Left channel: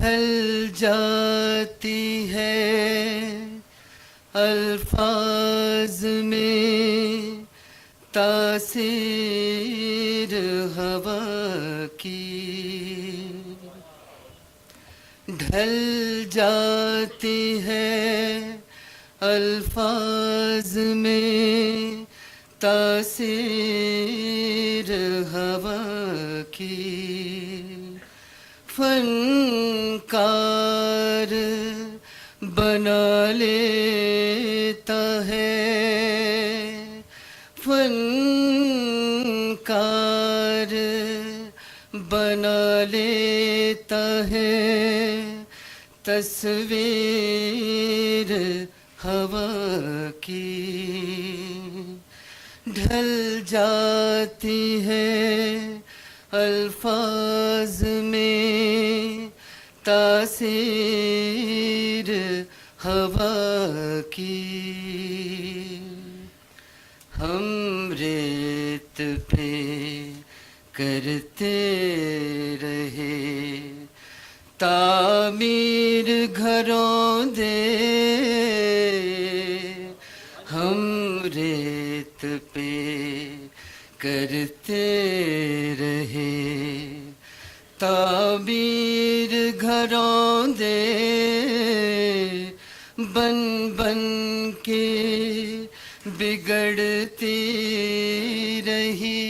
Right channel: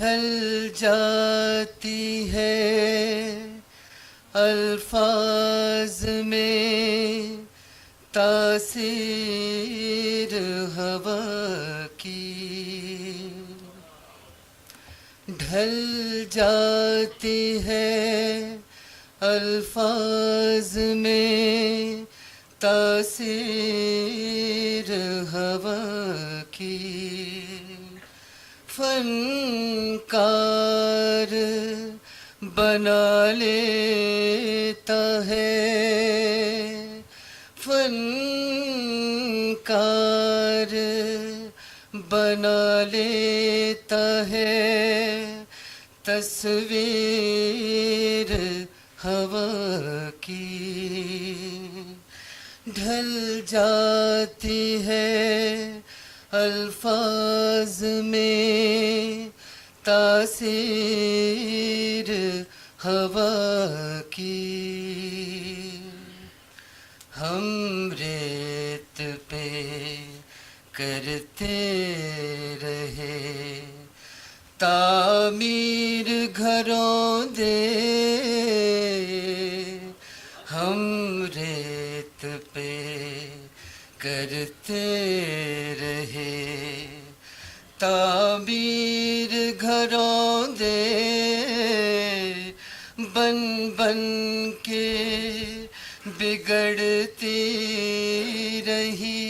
ڈھل جاتی ہے الفاظ میں تاثیر ہوا کی، ڈھل جاتی ہے الفاظ میں تاثیر ہوا کی، فنکار بنا لیتا ہے، فنکار بنا لیتا ہے تصویر ہوا کی، ڈھل جاتی ہے الفاظ میں تاثیر ہوا کی۔ ہم ریت پہ کرتے رہے تعمیر گھروں دے، ہم ریت پہ کرتے رہے تعمیر گھروں دے، بن بن کے بگڑتی رہی،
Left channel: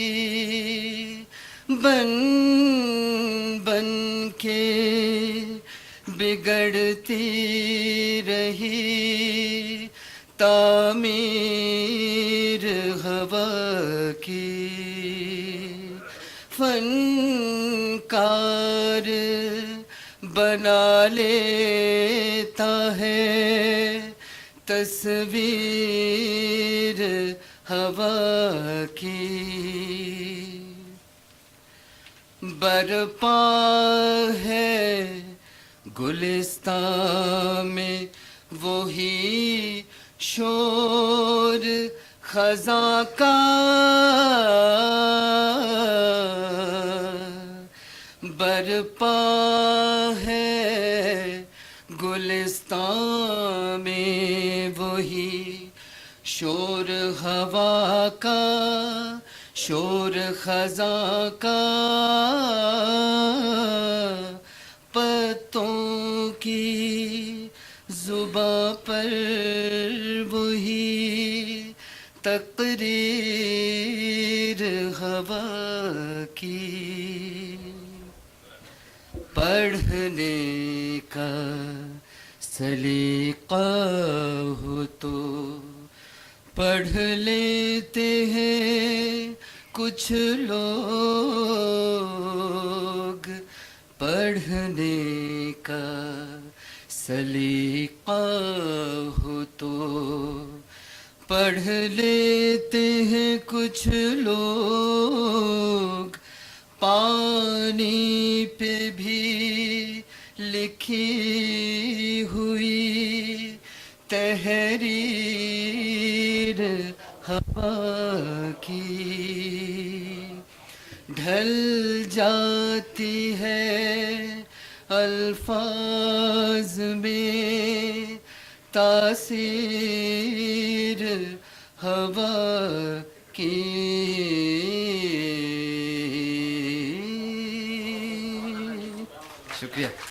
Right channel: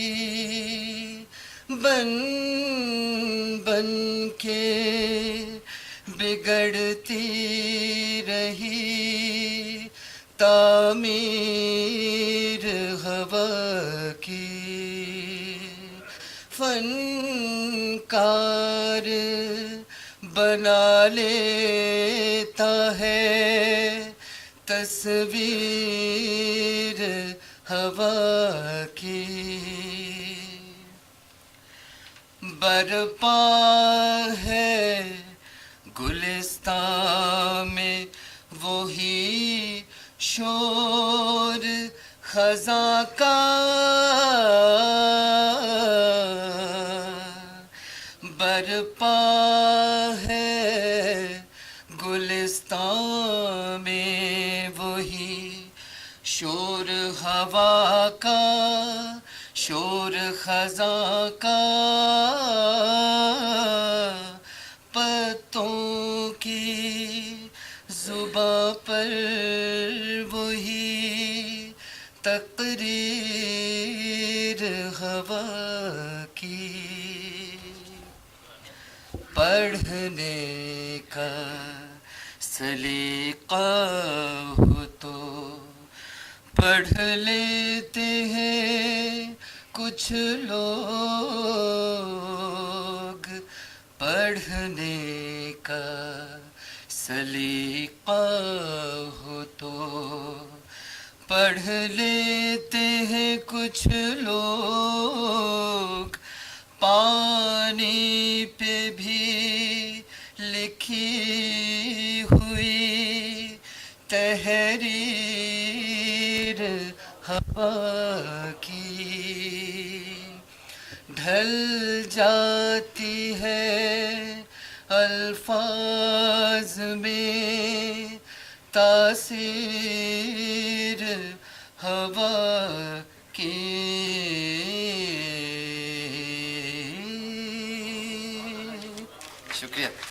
بن بن کے بگڑتی رہی تعمیر ہوا کی، فنکار بنا لیتا ہے تصویر ہوا کی، برپا ہے گلستان میں وہی شور خزاں کا، برپا ہے گلستان میں وہی شور ہوا کا، شور خزاں کا، پتوں کی زباں پر وہی تقریر ہوا کی، پڑھنے کا سلیقہ ہو تو پڑھ لیتے ہیں کچھ لوگ، پڑھنے کا سلیقہ ہو تو پڑھ لیتے ہیں کچھ لوگ، پانی پہ بھی لکھی ہوئی تحریر ہوا کی، ڈھل جاتی ہے الفاظ میں تاثیر ہوا کی۔